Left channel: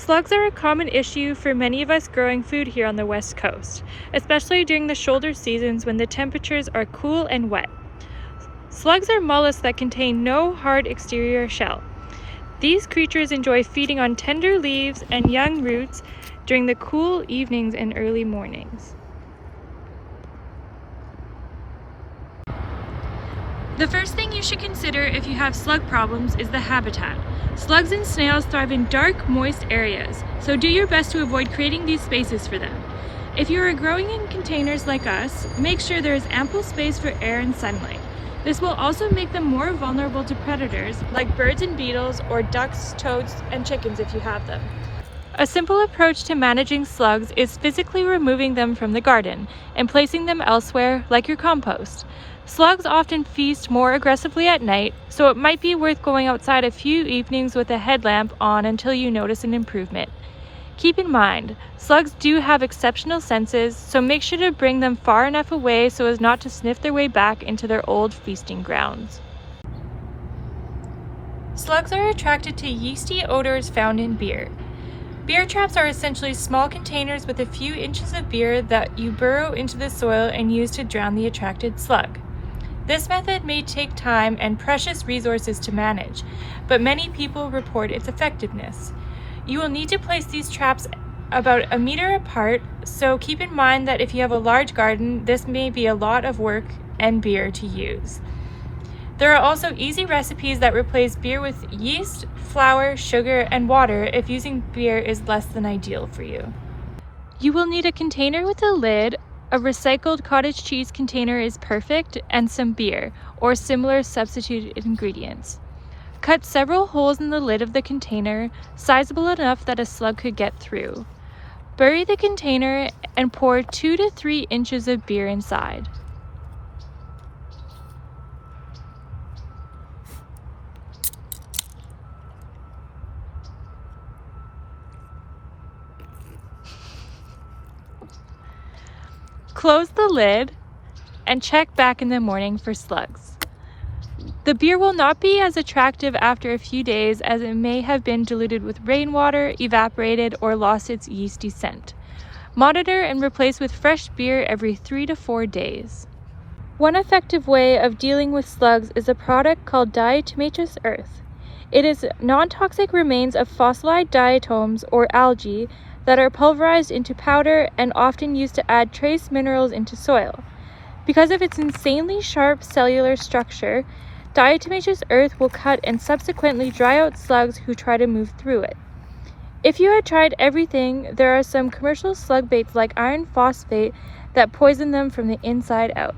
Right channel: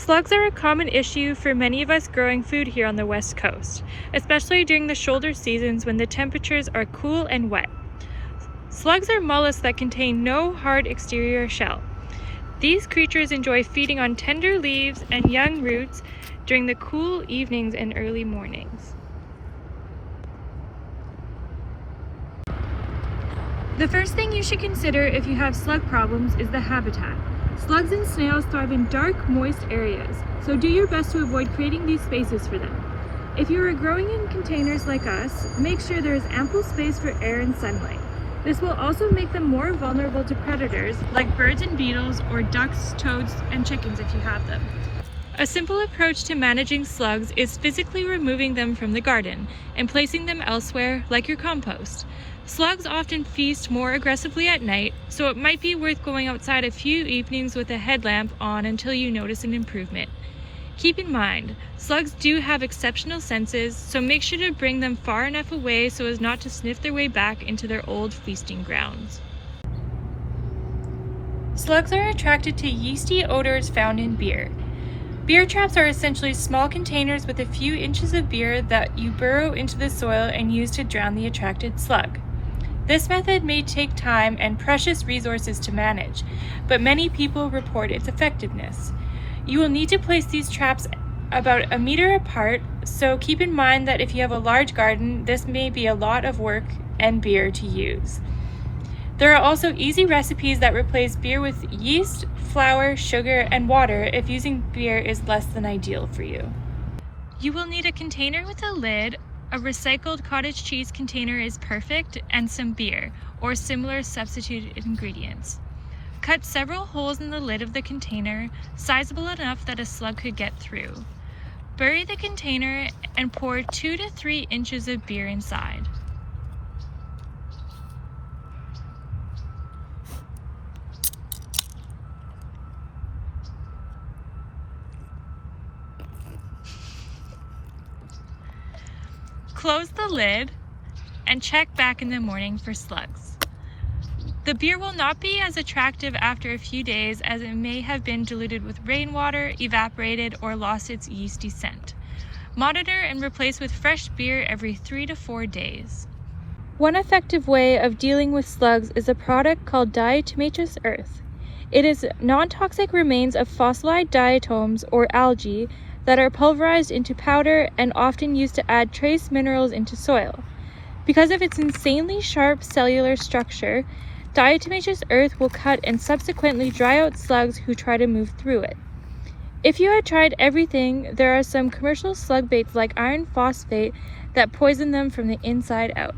Slugs are a common issue for many of us growing food here on the West Coast, especially during the shoulder seasons when the temperatures are cool and wet. Slugs are mollusks that contain no hard exterior shell. These creatures enjoy feeding on tender leaves and young roots during the cool evenings and early mornings. The first thing you should consider if you have slug problems is the habitat. Slugs and snails thrive in dark, moist areas, so do your best to avoid creating these spaces for them. If you are growing in containers like us, make sure there is ample space for air and sunlight. This will also make them more vulnerable to predators like birds and beetles, or ducks, toads, and chickens if you have them. A simple approach to managing slugs is physically removing them from the garden and placing them elsewhere, like your compost. Slugs often feast more aggressively at night, so it might be worth going outside a few evenings with a headlamp on until you notice an improvement. Keep in mind, slugs do have exceptional senses, so make sure to bring them far enough away so as not to sniff their way back into their old feasting grounds. Slugs are attracted to yeasty odors found in beer. Beer traps are essentially small containers with a few inches of beer that you burrow into the soil and use to drown the attracted slug. This method may take time and precious resources to manage, but many people report its effectiveness. You will need to place these traps about 1 meter apart, so keep in mind that if you have a large garden, this may be a lot of work and beer to use. There are also easy recipes that replace beer with yeast, flour, sugar, and water if using beer is less than ideal for you. You will need a container with a lid. A recycled cottage cheese container is perfect, and some beer, or similar substituted ingredients. Cut several holes in the lid of the container, sizable enough that a slug could get through. Bury the container and pour 2 to 3 inches of beer inside. Close the lid and check back in the morning for slugs. The beer will not be as attractive after a few days, as it may have been diluted with rainwater, evaporated, or lost its yeasty scent. Monitor and replace with fresh beer every 3 to 4 days. One effective way of dealing with slugs is a product called diatomaceous earth. It is non-toxic remains of fossilized diatoms or algae that are pulverized into powder and often used to add trace minerals into soil. Because of its insanely sharp cellular structure, diatomaceous earth will cut and subsequently dry out slugs who try to move through it. If you had tried everything, there are some commercial slug baits like iron phosphate that poison them from the inside out.